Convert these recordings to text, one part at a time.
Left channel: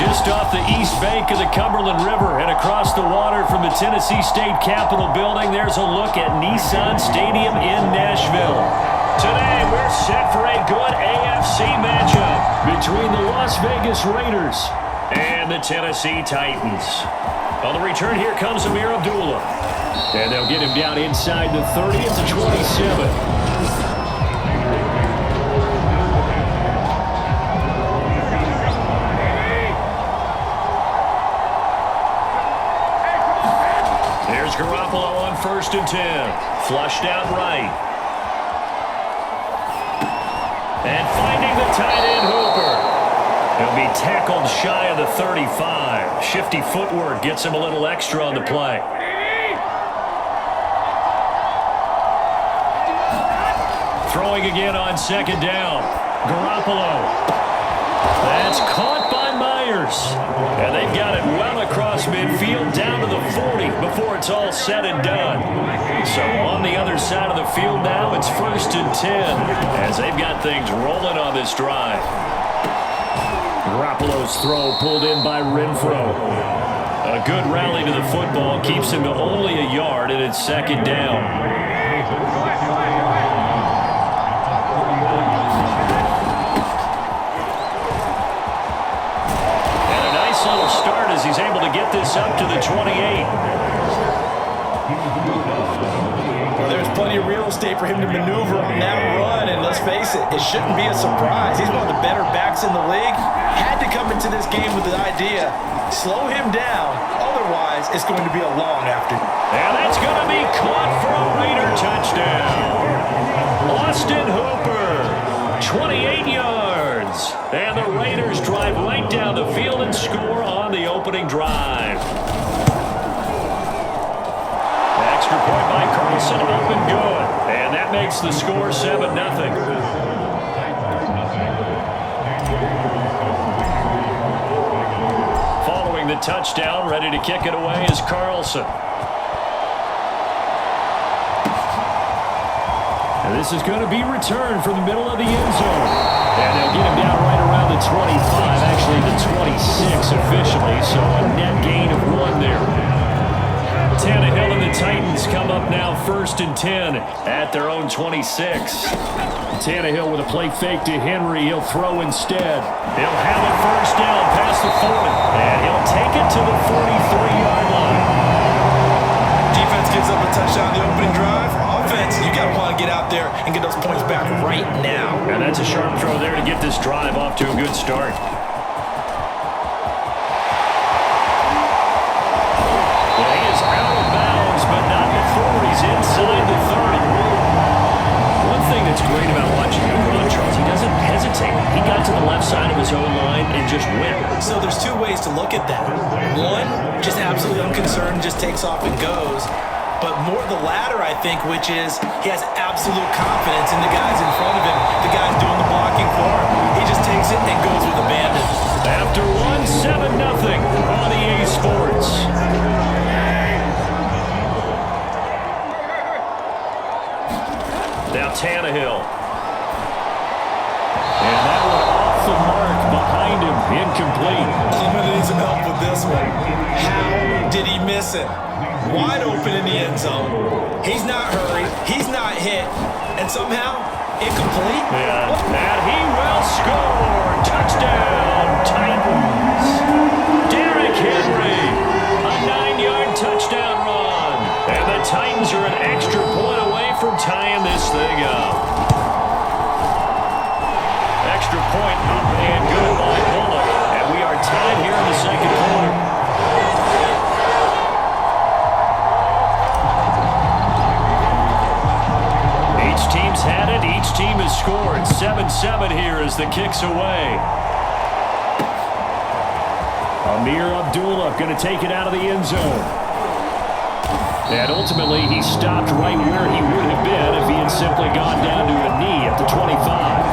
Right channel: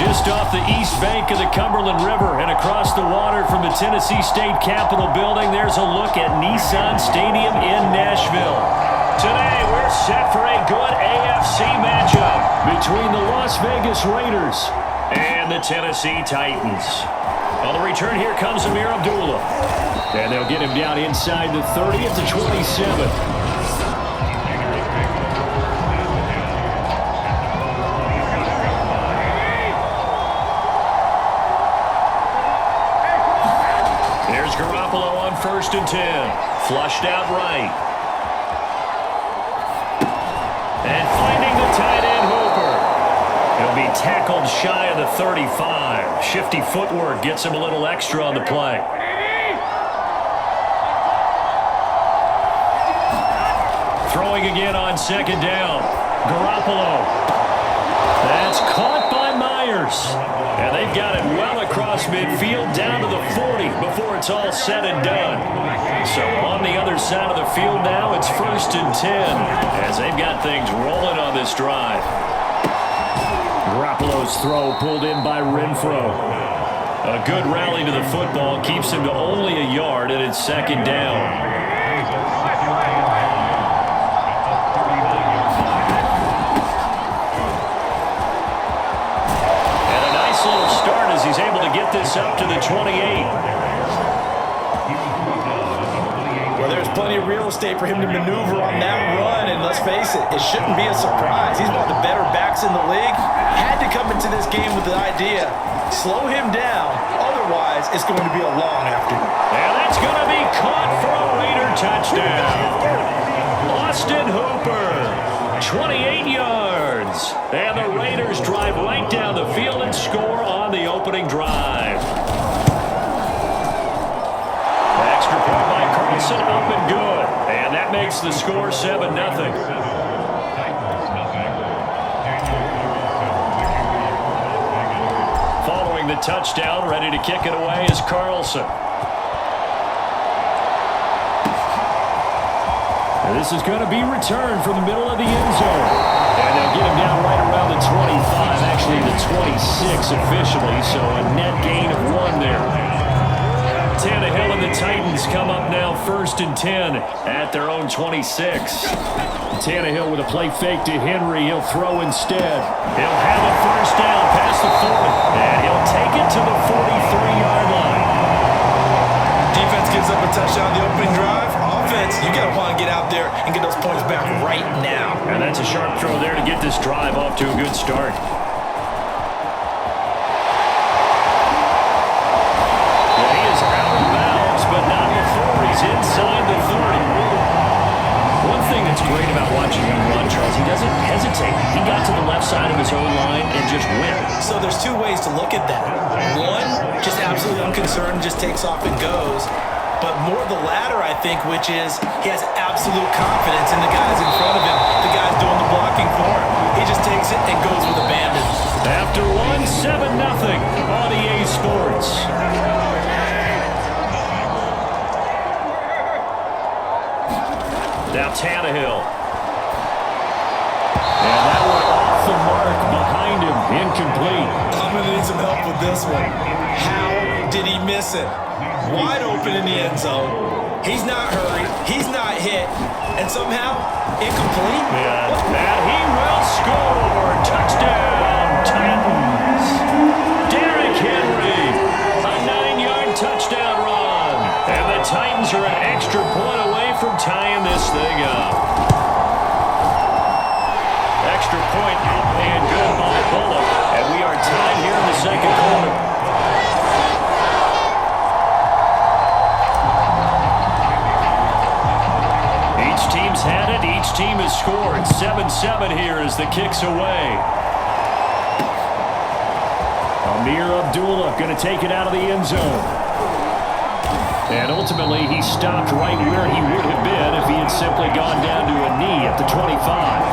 Just off the east bank of the Cumberland River and across the water from the Tennessee State Capitol building, there's a look at Nissan Stadium in Nashville. Today, we're set for a good AFC matchup between the Las Vegas Raiders and the Tennessee Titans. On the return, here comes Ameer Abdullah. And they'll get him down inside the 30 at the 27. There's Garoppolo on 1st and 10. Flushed out right. And finding the tight end Hooper. He'll be tackled shy of the 35. Shifty footwork gets him a little extra on the play. Throwing again on 2nd down. Garoppolo. That's caught by Myers. And they've got it well across midfield down to the 40 before it's all said and done. So on the other side of the field now, it's 1st and 10 as they've got things rolling on this drive. Garoppolo's throw pulled in by Renfro. A good rally to the football keeps him to only a yard, and it's 2nd down. And a nice little start as he's able to get this up to the 28. Well, there's plenty of real estate for him to maneuver on that run, and let's face it, it shouldn't be a surprise. He's one of the better backs in the league. Had to come into this game with the idea, slow him down, otherwise it's going to be a long afternoon. And that's going to be caught for a Raider touchdown. Austin Hooper, 28 yards. And the Raiders drive right down the field and score on the opening drive. Extra point by Carlson, up and good. And that makes the score 7-0. Following the touchdown, ready to kick it away is Carlson. And this is going to be returned from the middle of the end zone. And they'll get him down right around the 25, actually the 26 officially, so a net gain of 1 there. Tannehill and the Titans come up now 1st and 10 at their own 26. Tannehill with a play fake to Henry. He'll throw instead. He'll have a 1st down past the 40. And he'll take it to the 43-yard line. Defense gives up a touchdown the opening drive. Offense, you got to want to get out there and get those points back right now. And that's a sharp throw there to get this drive off to a good start. And he is out of bounds, but not before he's inside the 30. One thing that's great about watching him run, Charles, he doesn't hesitate. He got to the left side of his own line and just went. So there's 2 ways to look at that. One, just absolutely unconcerned, just takes off and goes. But more the latter, I think, which is he has absolute confidence in the guys in front of him, the guys doing the blocking for him. He just takes it and goes with abandon. After 1, 7-0 on EA Sports. Now Tannehill. And that one off the mark behind him, incomplete. I'm going to need some help with this one. How did he miss him? Wide open in the end zone. He's not hurried. He's not hit. And somehow, incomplete? Yeah, and he will score. Touchdown, Titans. Derrick Henry, a 9-yard touchdown run. And the Titans are an extra point away from tying this thing up. Extra point up and good by Bullock. And we are tied here in the 2nd quarter. Each team's had it. Each team has scored. 7-7 here as the kick's away. Ameer Abdullah going to take it out of the end zone. And ultimately, he stopped right where he would have been if he had simply gone down to a knee at the 25.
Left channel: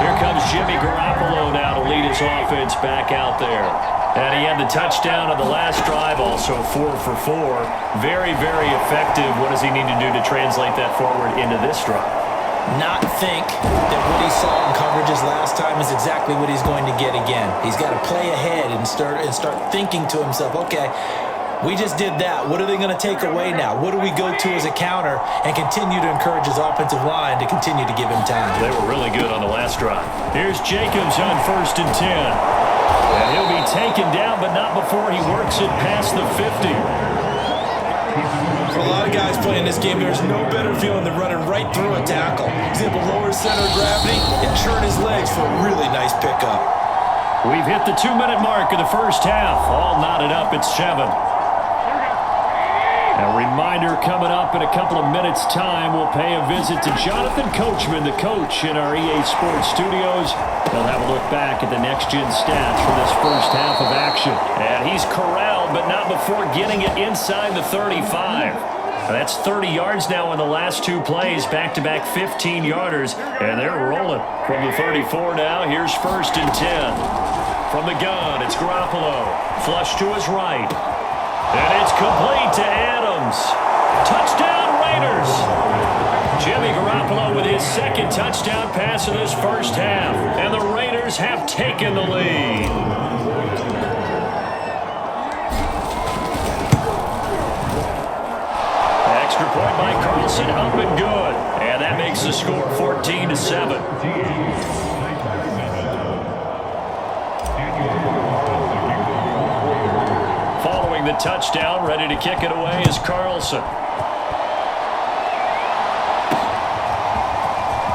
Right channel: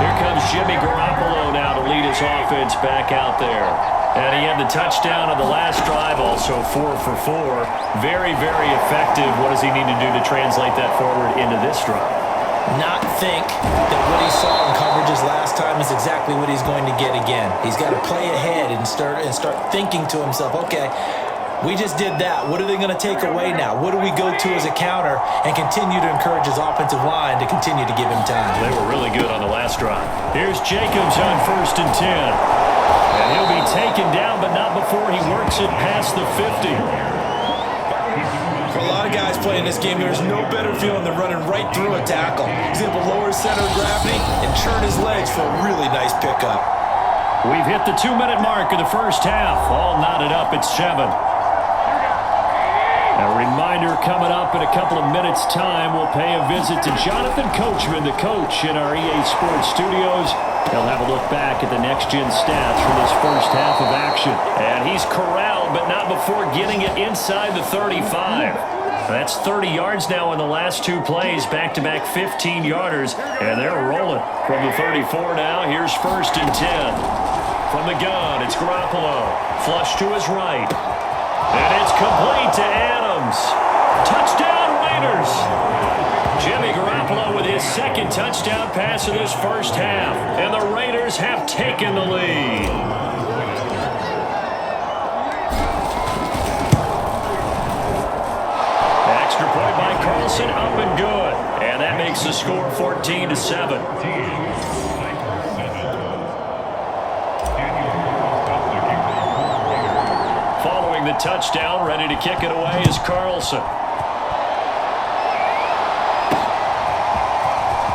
Here comes Jimmy Garoppolo now to lead his offense back out there. And he had the touchdown on the last drive, also 4 for 4. Very, very effective. What does he need to do to translate that forward into this drive? not think that what he saw in coverages last time is exactly what he's going to get again. He's got to play ahead and start thinking to himself, okay, we just did that. What are they going to take away now? What do we go to as a counter? And continue to encourage his offensive line to continue to give him time. They were really good on the last drive. Here's Jacobs on 1st and 10. And he'll be taken down, but not before he works it past the 50. For a lot of guys playing this game, there's no better feeling than running right through a tackle. He's able to lower his center of gravity and churn his legs for a really nice pickup. We've hit the 2-minute mark of the first half. All knotted up at 7. A reminder coming up in a couple of minutes' time. We'll pay a visit to Jonathan Coachman, the coach in our EA Sports studios. He'll have a look back at the next-gen stats for this first half of action. And he's corralled, but not before getting it inside the 35. That's 30 yards now in the last 2 plays, back-to-back 15-yarders, and they're rolling. From the 34 now, here's 1st and 10. From the gun, it's Garoppolo. Flush to his right. And it's complete to Adams. Touchdown, Raiders. Jimmy Garoppolo with his second touchdown pass of this first half. And the Raiders have taken the lead. Extra point by Carlson, up and good. And that makes the score 14-7. Following the touchdown, ready to kick it away is Carlson.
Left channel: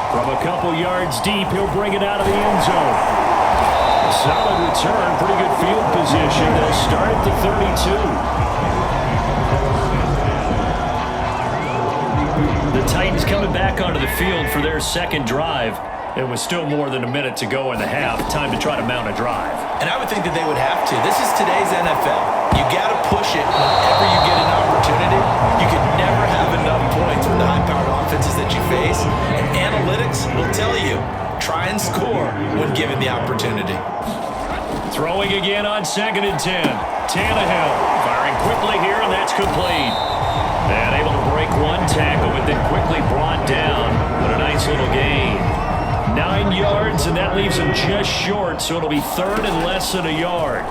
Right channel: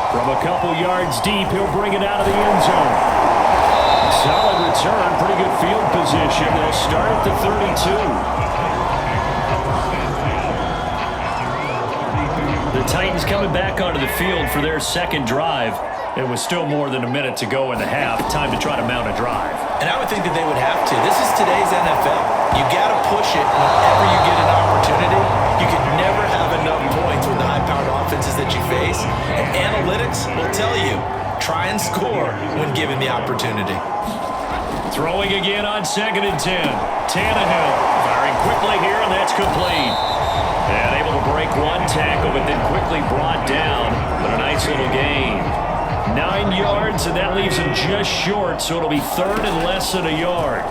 From a couple yards deep, he'll bring it out of the end zone. Solid return, pretty good field position. They'll start at the 32. The Titans coming back onto the field for their second drive. It was still more than a minute to go in the half. Time to try to mount a drive. And I would think that they would have to. This is today's NFL. You got to push it whenever you get an opportunity. You could never have enough points with the high-powered offenses that you face. And analytics will tell you, try and score when given the opportunity. Throwing again on 2nd and 10. Tannehill firing quickly here, and that's complete. And able to break one tackle, but then quickly brought down. But a nice little gain. 9 yards, and that leaves him just short, so it'll be 3rd and less than a yard.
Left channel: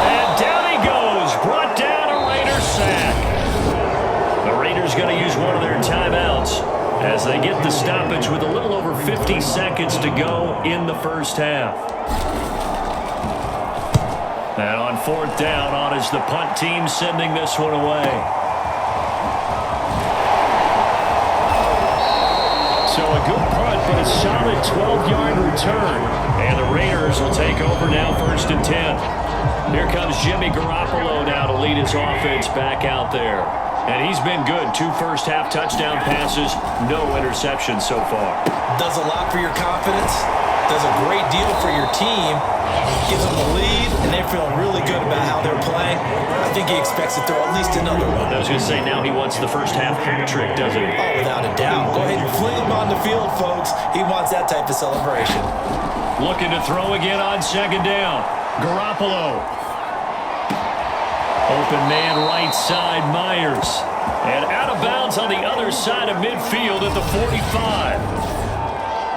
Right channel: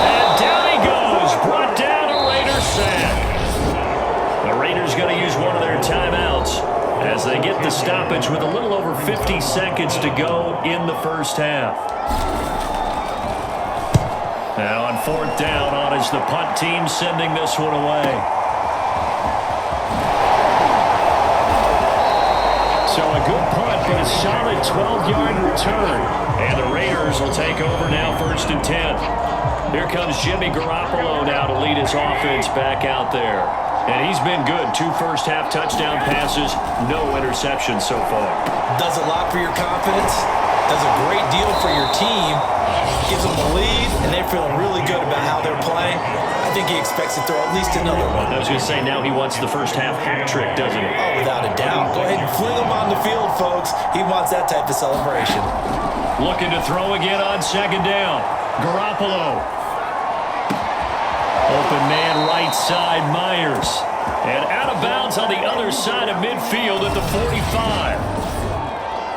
And down he goes, brought down a Raider sack. The Raiders going to use one of their timeouts as they get the stoppage with a little over 50 seconds to go in the first half. And on 4th down, on is the punt team sending this one away. So a good punt, but a solid 12-yard return. And the Raiders will take over now 1st and 10. Here comes Jimmy Garoppolo now to lead his offense back out there. And he's been good. 2 first-half touchdown passes, no interceptions so far. Does a lot for your confidence. Does a great deal for your team. Gives them a lead, and they're feeling really good about how they're playing. I think he expects to throw at least another one. I was going to say, now he wants the first-half hat trick, doesn't he? Oh, without a doubt. Go ahead and fling him on the field, folks. He wants that type of celebration. Looking to throw again on 2nd down. Garoppolo. Open man right side, Myers. And out of bounds on the other side of midfield at the 45.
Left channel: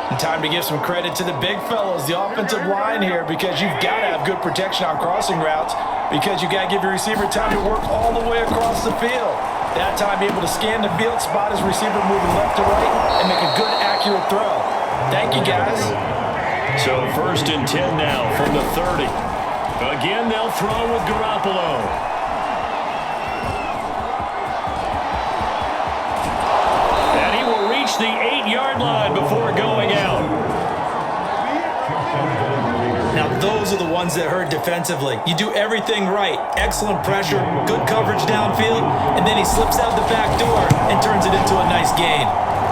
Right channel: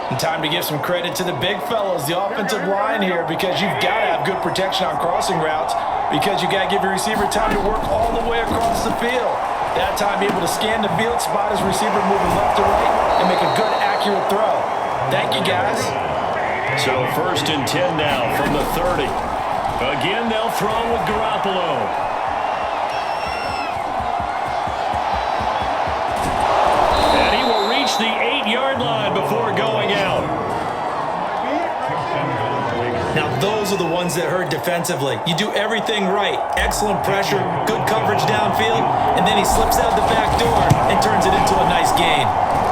And time to give some credit to the big fellows, the offensive line here, because you've got to have good protection on crossing routes, because you've got to give your receiver time to work all the way across the field. That time, be able to scan the field, spot his receiver moving left to right, and make a good, accurate throw. Thank you, guys. So 1st and 10 now from the 30. Again, they'll throw with Garoppolo. And he will reach the 8-yard line before going out. Now, those are the ones that hurt defensively. You do everything right. Excellent pressure, good coverage downfield, and then he slips out the back door and turns it into a nice gain.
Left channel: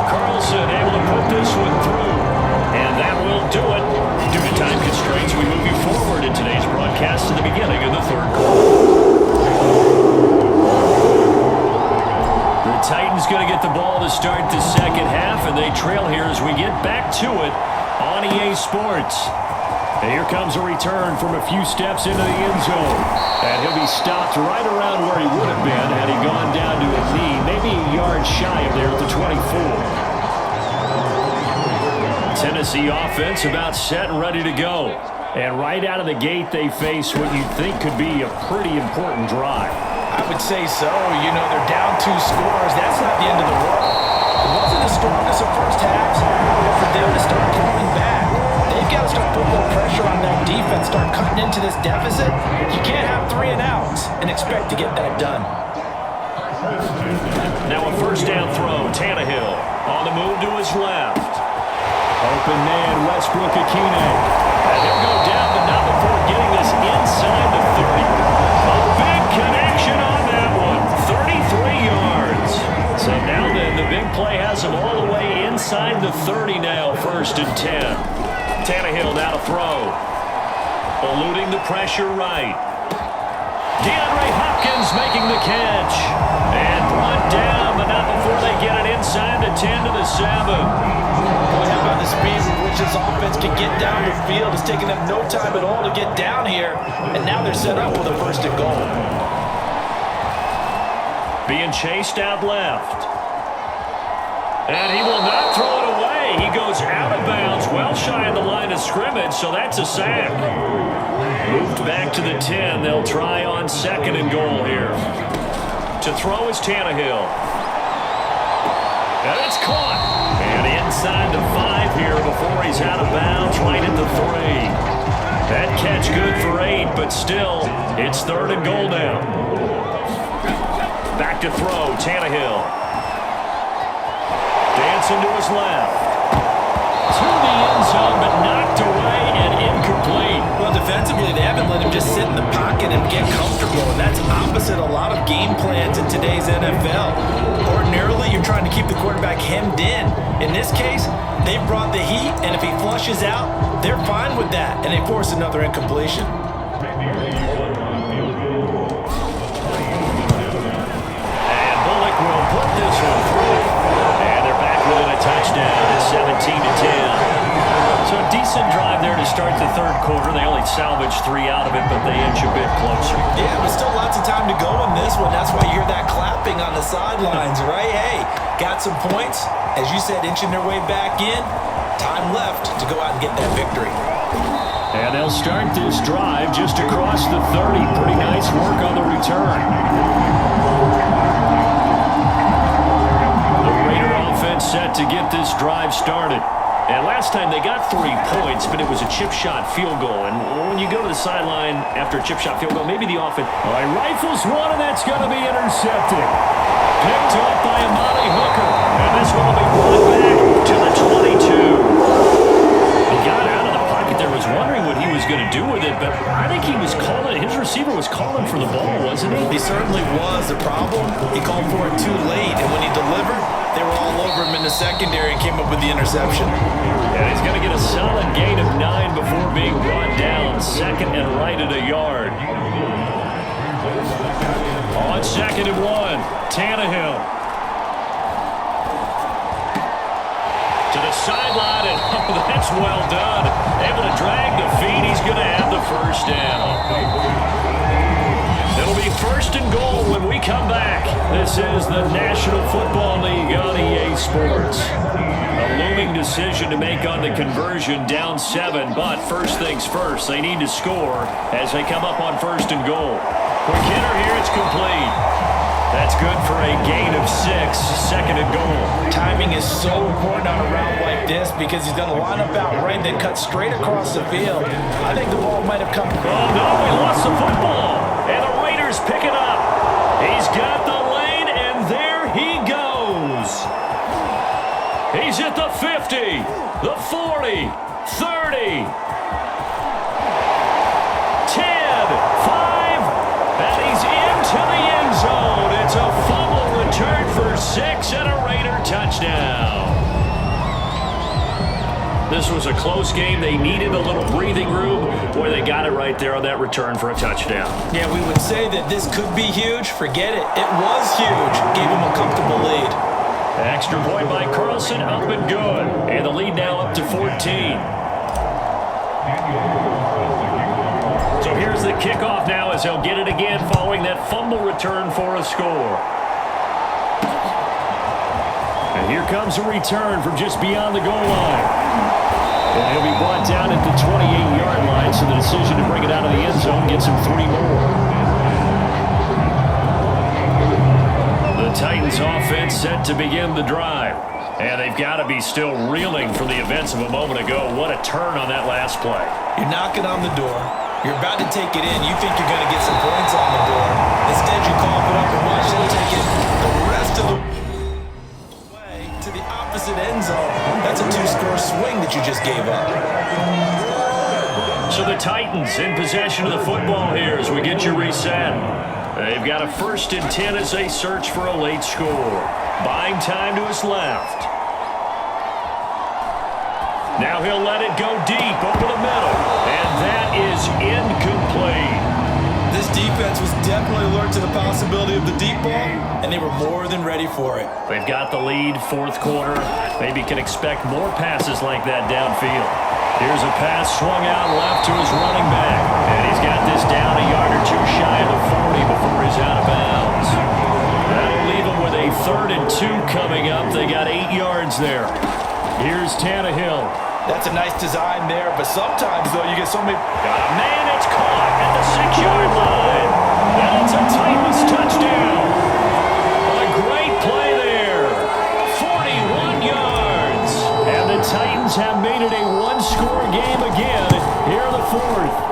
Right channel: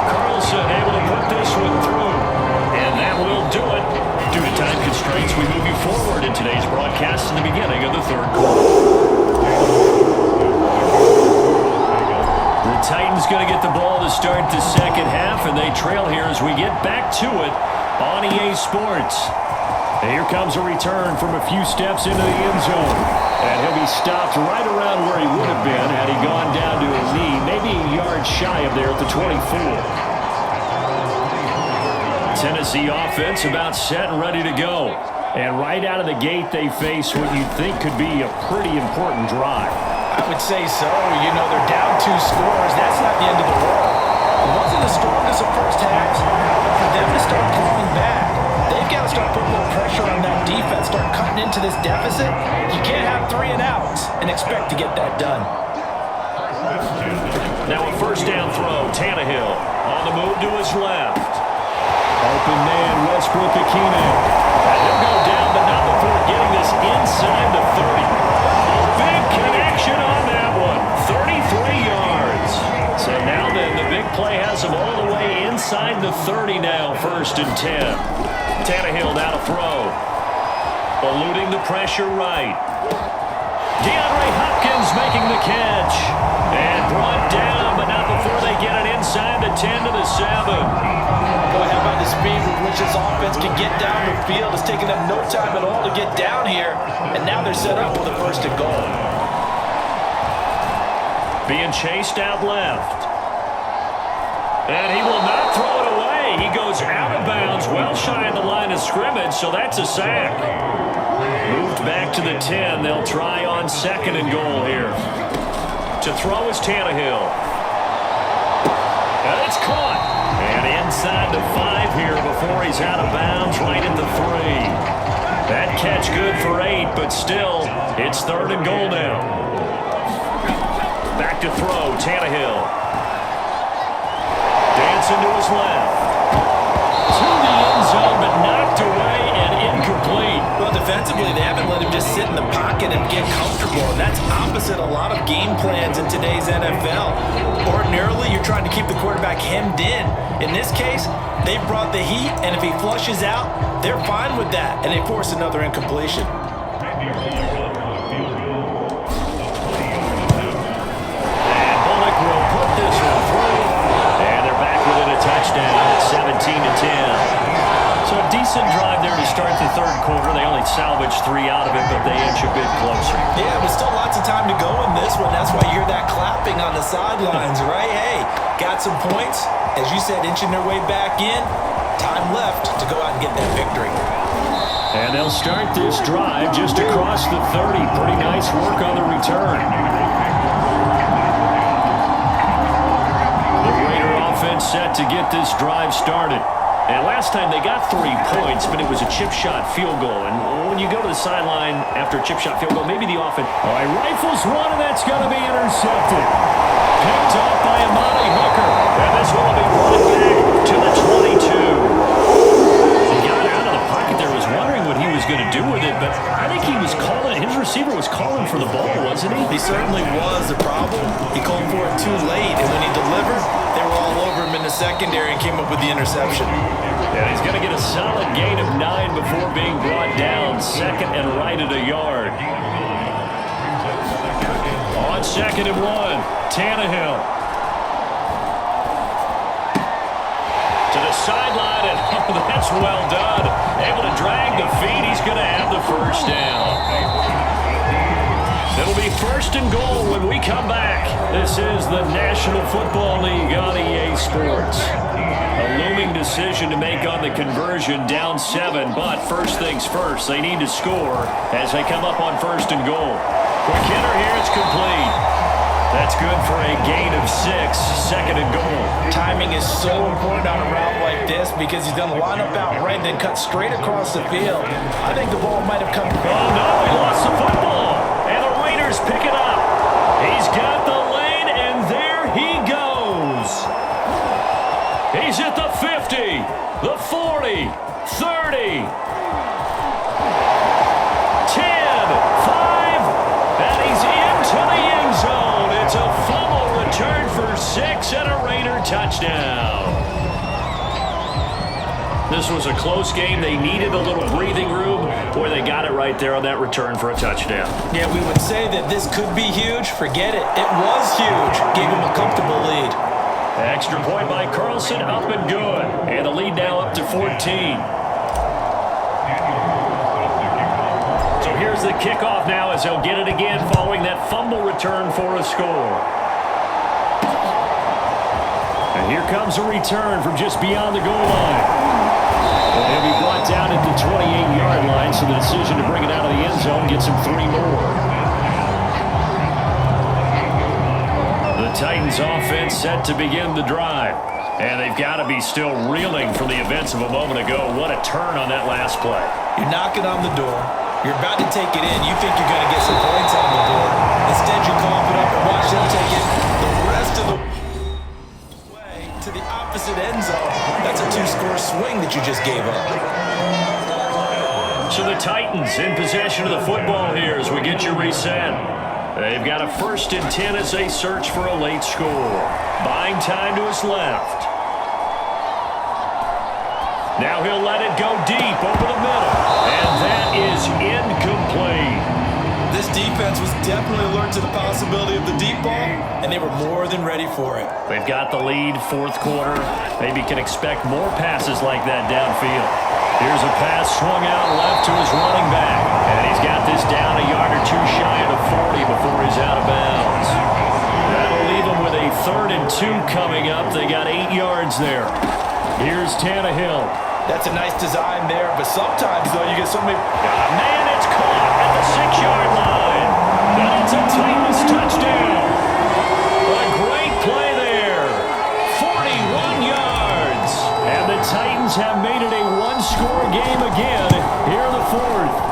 Carlson able to put this one through. And that will do it. Due to time constraints, we move you forward in today's broadcast to the beginning of the 3rd quarter. The Titans going to get the ball to start the second half, and they trail here as we get back to it on EA Sports. And here comes a return from a few steps into the end zone. And he'll be stopped right around where he would have been had he gone down to a knee, maybe a yard shy of there at the 24. Tennessee offense about set and ready to go. And right out of the gate, they face what you'd think could be a pretty important drive. I would say so. You know, they're down 2 scores. That's not the end of the world. It wasn't the strongest of first halves, but for them to start clawing back, they've got to start putting a little pressure on that defense, start cutting into this deficit. You can't have 3 and outs and expect to get that done. Now a first down throw, Tannehill on the move to his left. Open man, Westbrook Akine. And he'll go down, but not before getting this inside the 30. A big connection on that one. 33 yards. So now then, the big play has him all the way inside the 30 now, 1st and 10. Tannehill now to throw. Eluding the pressure right. DeAndre Hopkins making the catch. And brought down, but not before they get it inside the 10 to the 7. Boy, how about the speed with which this offense can get down the field? It's taking them no time at all to get down here, and now they're set up with a 1st and goal. Being chased out left. And he will not throw it away. He goes out of bounds, well shy of the line of scrimmage, so that's a sack. Moved back to the 10. They'll try on 2nd and goal here. To throw is Tannehill. And it's caught. And inside the 5 here before he's out of bounds, right at the 3. That catch good for 8, but still, it's 3rd and goal now. Back to throw, Tannehill. Dancing to his left. To the end zone, but knocked away and incomplete. Well, defensively, they haven't let him just sit in the pocket and get comfortable, and that's opposite a lot of game plans in today's NFL. Ordinarily, you're trying to keep the quarterback hemmed in. In this case, they've brought the heat, and if he flushes out, they're fine with that, and they force another incompletion. And Bullock will put this one through. And they're back within a touchdown. It's 17-10. So a decent drive there to start the 3rd quarter. They only salvaged 3 out of it, but they inch a bit closer. Yeah, but still lots of time to go in this one. That's why you hear that clapping on the sidelines, right? Hey, got some points. As you said, inching their way back in. Time left to go out and get that victory. And they'll start this drive just across the 30. Pretty nice work on the return. The Raider offense set to get this drive started. And last time they got 3 points, but it was a chip shot field goal. And when you go to the sideline after a chip shot field goal, maybe the offense... All right, rifles one, and that's going to be intercepted. Picked off by Amani Hooker. And this one will be brought back to the 22. He got out of the pocket there, was wondering what he was going to do with it, but I think he was calling, his receiver was calling for the ball, wasn't he? He certainly was. The problem, he called for it too late, and when he delivered, they were all over him in the secondary and came up with the interception. And he's going to get a solid gain of 9 before being brought down, 2nd and right at a yard. On 2nd and 1, Tannehill. To the sideline, and oh, that's well done. Able to drag the feet. He's going to have the 1st down. It'll be 1st and goal when we come back. This is the National Football League on EA Sports. A looming decision to make on the conversion, down 7, but first things first, they need to score as they come up on 1st and goal. Quick hitter here, it's complete. That's good for a gain of 6, 2nd and goal. Timing is so important on a route like this because he's going to line up out right and then cut straight across the field. I think the ball might have come. Oh, no, he lost the football. And the Raiders pick it up. He's got the lane, and there he goes. He's at the 50, the 40, 30, 10, 5, and he's into the end zone. It's a fumble return for 6 and a Raider touchdown. This was a close game. They needed a little breathing room. Boy, they got it right there on that return for a touchdown. Yeah, we would say that this could be huge. Forget it. It was huge. Gave him a comfortable lead. Extra point by Carlson, up and good. And the lead now up to 14. So here's the kickoff now as he'll get it again following that fumble return for a score. And here comes a return from just beyond the goal line. And he'll be brought down at the 28-yard line, so the decision to bring it out of the end zone gets him 3 more. The Titans offense set to begin the drive. And they've got to be still reeling from the events of a moment ago. What a turn on that last play. You're knocking on the door. You're about to take it in. You think you're going to get some points on the board. Instead, you cough it up and watch them take it the rest of the way to the opposite end zone. That's a 2-score swing that you just gave up. So the Titans in possession of the football here as we get you reset. They've got a 1st and 10 as they search for a late score. Buying time to his left. Now he'll let it go deep over the middle. And that is incomplete. This defense was definitely alert to the possibility of the deep ball, and they were more than ready for it. They've got the lead, 4th quarter. Maybe can expect more passes like that downfield. Here's a pass swung out left to his running back. And he's got this down a yard or 2 shy of the 40 before he's out of bounds. That'll leave them with a 3rd and 2 coming up. They got 8 yards there. Here's Tannehill. That's a nice design there, but sometimes, though, you get so many... Got a man, it's caught at the 6-yard line. And it's a Titans touchdown. A great play there. 41 yards. And the Titans have made it a 1-score game again here in the 4th.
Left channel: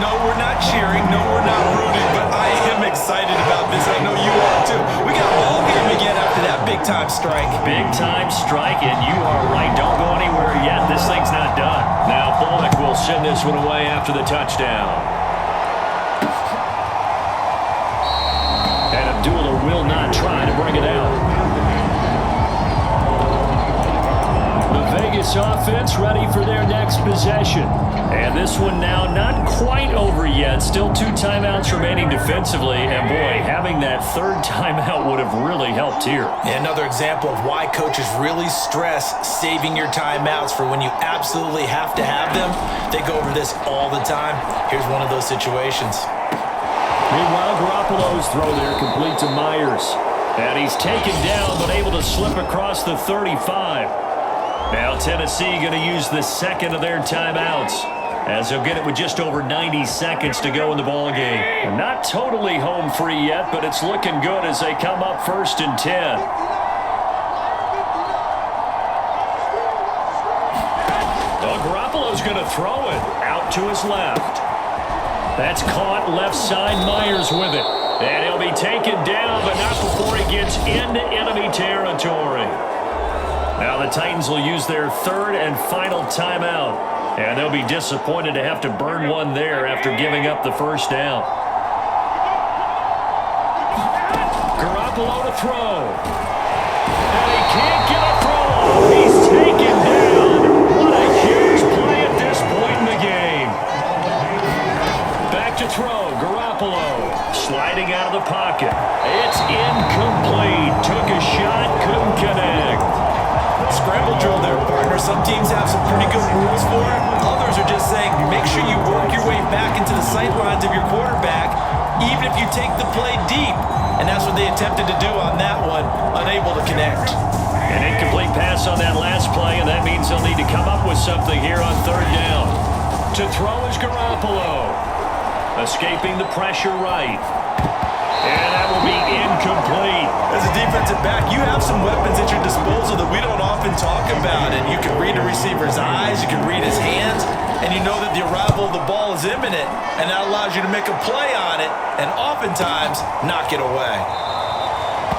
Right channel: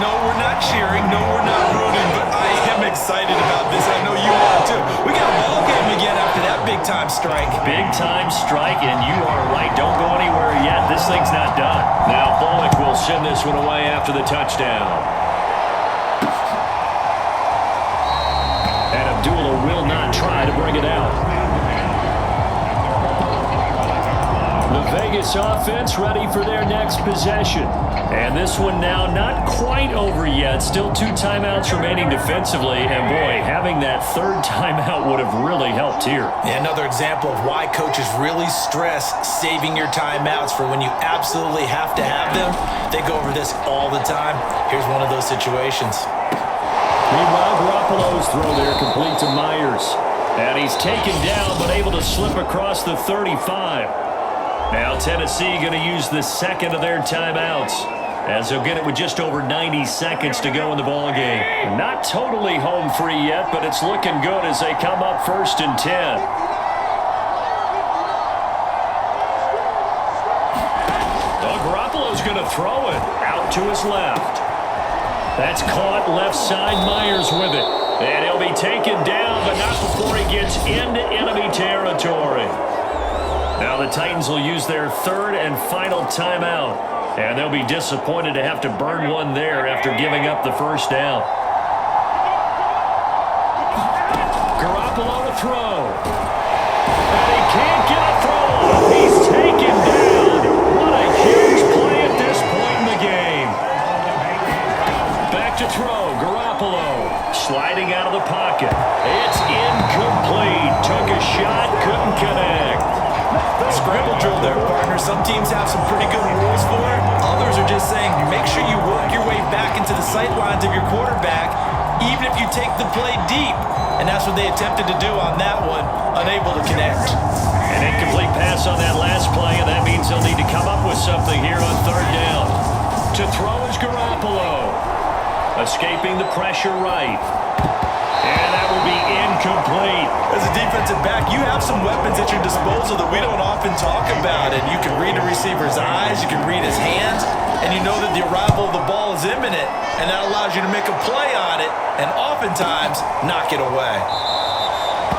No, we're not cheering. No, we're not rooting, but I am excited about this. I know you are, too. We got a ball game again after that big-time strike. Big-time strike, and you are right. Don't go anywhere yet. This thing's not done. Now Bullock will send this one away after the touchdown. And Abdullah will not try to bring it out. The Vegas offense ready for their next possession. And this one now not quite over yet. Still 2 timeouts remaining defensively. And boy, having that 3rd timeout would have really helped here. And another example of why coaches really stress saving your timeouts for when you absolutely have to have them. They go over this all the time. Here's one of those situations. Meanwhile, Garoppolo's throw there complete to Myers. And he's taken down but able to slip across the 35. Now Tennessee going to use the 2nd of their timeouts as they'll get it with just over 90 seconds to go in the ballgame. And not totally home free yet, but it's looking good as they come up 1st and 10. Oh, Garoppolo's going to throw it out to his left. That's caught left side. Myers with it. And he'll be taken down, but not before he gets into enemy territory. Now the Titans will use their 3rd and final timeout. And they'll be disappointed to have to burn one there after giving up the 1st down. Garoppolo to throw. And he can't get a throw off. He's taken down. What a huge play at this point in the game. Back to throw. Garoppolo sliding out of the pocket. It's incomplete. Took a shot, couldn't connect. Scramble drill there, partner. Some teams have some pretty good rules for it. Others are just saying make sure you work your way back into the sight lines of your quarterback, even if you take the play deep. And that's what they attempted to do on that one, unable to connect. An incomplete pass on that last play, and that means they'll need to come up with something here on 3rd down. To throw is Garoppolo. Escaping the pressure right. And that will be incomplete. As a defensive back, you have some weapons at your disposal that we don't often talk about. And you can read the receiver's eyes, you can read his hands, and you know that the arrival of the ball is imminent. And that allows you to make a play on it and oftentimes knock it away.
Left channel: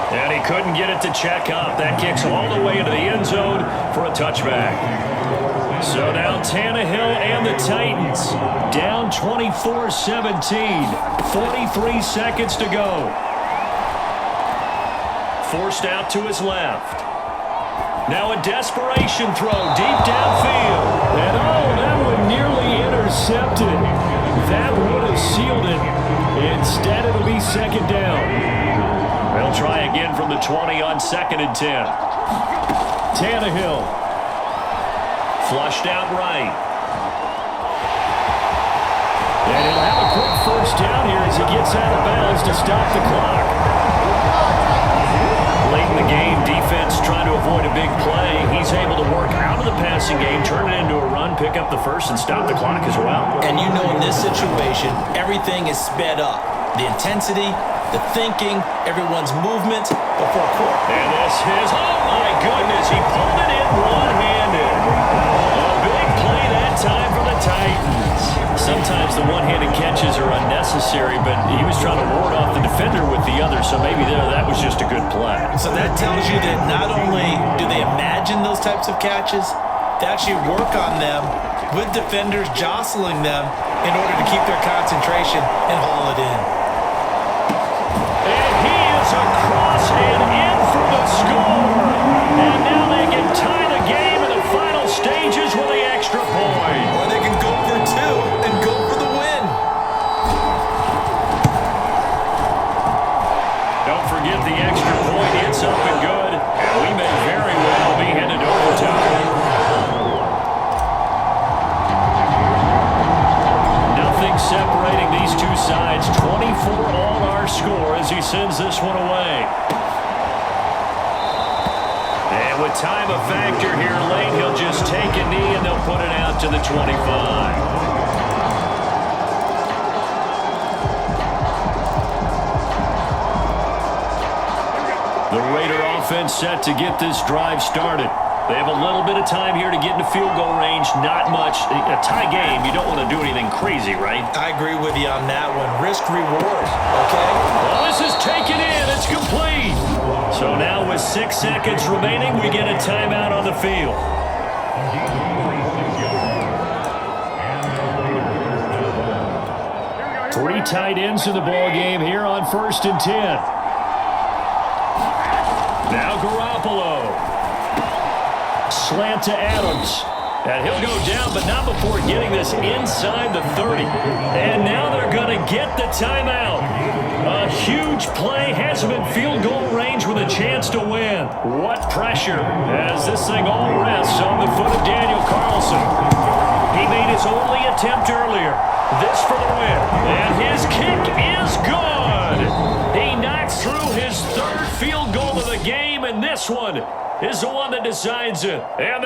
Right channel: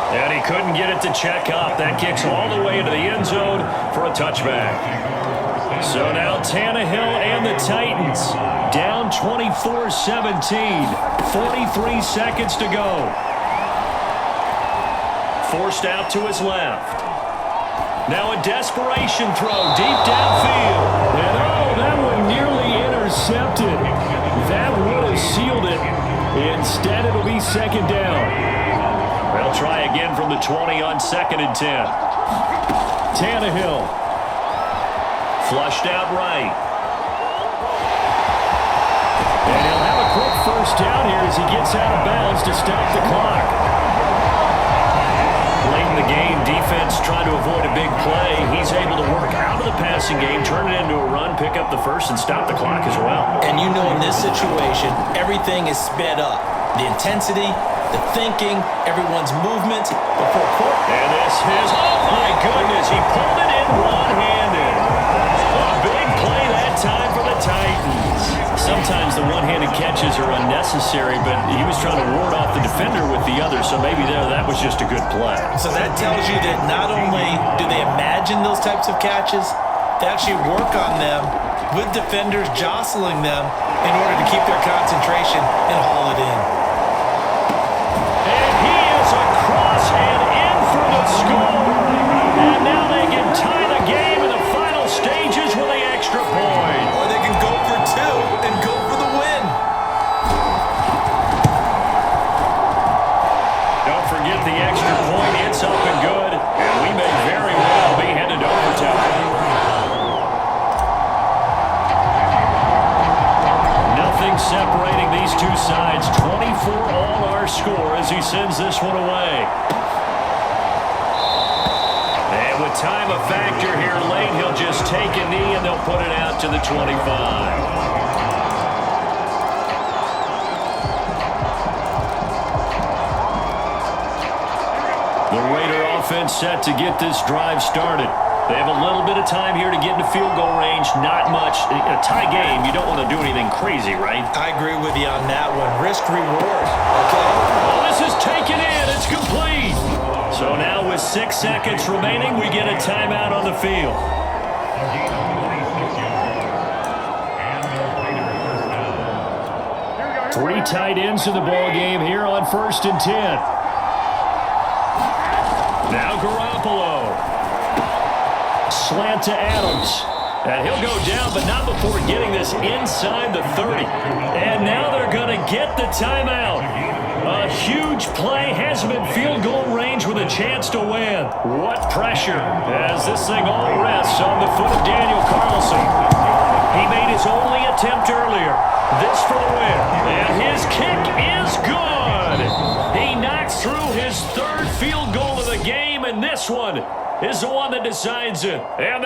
And he couldn't get it to check up. That kicks all the way into the end zone for a touchback. So now Tannehill and the Titans down 24-17. 43 seconds to go. Forced out to his left. Now a desperation throw deep downfield. And oh, that one nearly intercepted. That would have sealed it. Instead, it'll be 2nd down. They'll try again from the 20 on 2nd and 10. Tannehill. Flushed out right. And he'll have a quick first down here as he gets out of bounds to stop the clock. Late in the game, defense trying to avoid a big play. He's able to work out of the passing game, turn it into a run, pick up the first, and stop the clock as well. And you know in this situation, everything is sped up. The intensity, the thinking, everyone's movement. But for a quarter... And this is, oh my goodness, he pulled it in one-handed. A big play that time for the Titans. Sometimes the one-handed catches are unnecessary, but he was trying to ward off the defender with the other, so maybe that was just a good play. So that tells you that not only do they imagine those types of catches, they actually work on them with defenders jostling them in order to keep their concentration and haul it in. And he is across and in for the score. And now they can tie the game in the final stages with the extra point. Or they can go for two and go for the win. Don't forget the extra point. It's up and good. And we may very well be headed to overtime. Nothing separating these two sides. 24 all our score as he sends this one away. And with time a factor here late, he'll just take a knee and they'll put it out to the 25. The Raider offense set to get this drive started. They have a little bit of time here to get into field goal range. Not much. In a tie game, you don't want to do anything crazy, right? I agree with you on that one. Risk reward, okay? Well, this is taken in. It's complete. So now with 6 seconds remaining, we get a timeout on the field. Three tight ends in the ball game here on 1st and 10. Now Garoppolo. Slant to Adams. And he'll go down, but not before getting this inside the 30. And now they're going to get the timeout. A huge play has him in field goal range with a chance to win. What pressure as this thing all rests on the foot of Daniel Carlson. He made his only attempt earlier. This for the win. And his kick is good. He knocks through his 3rd field goal of the game, and this one is the one that decides it. And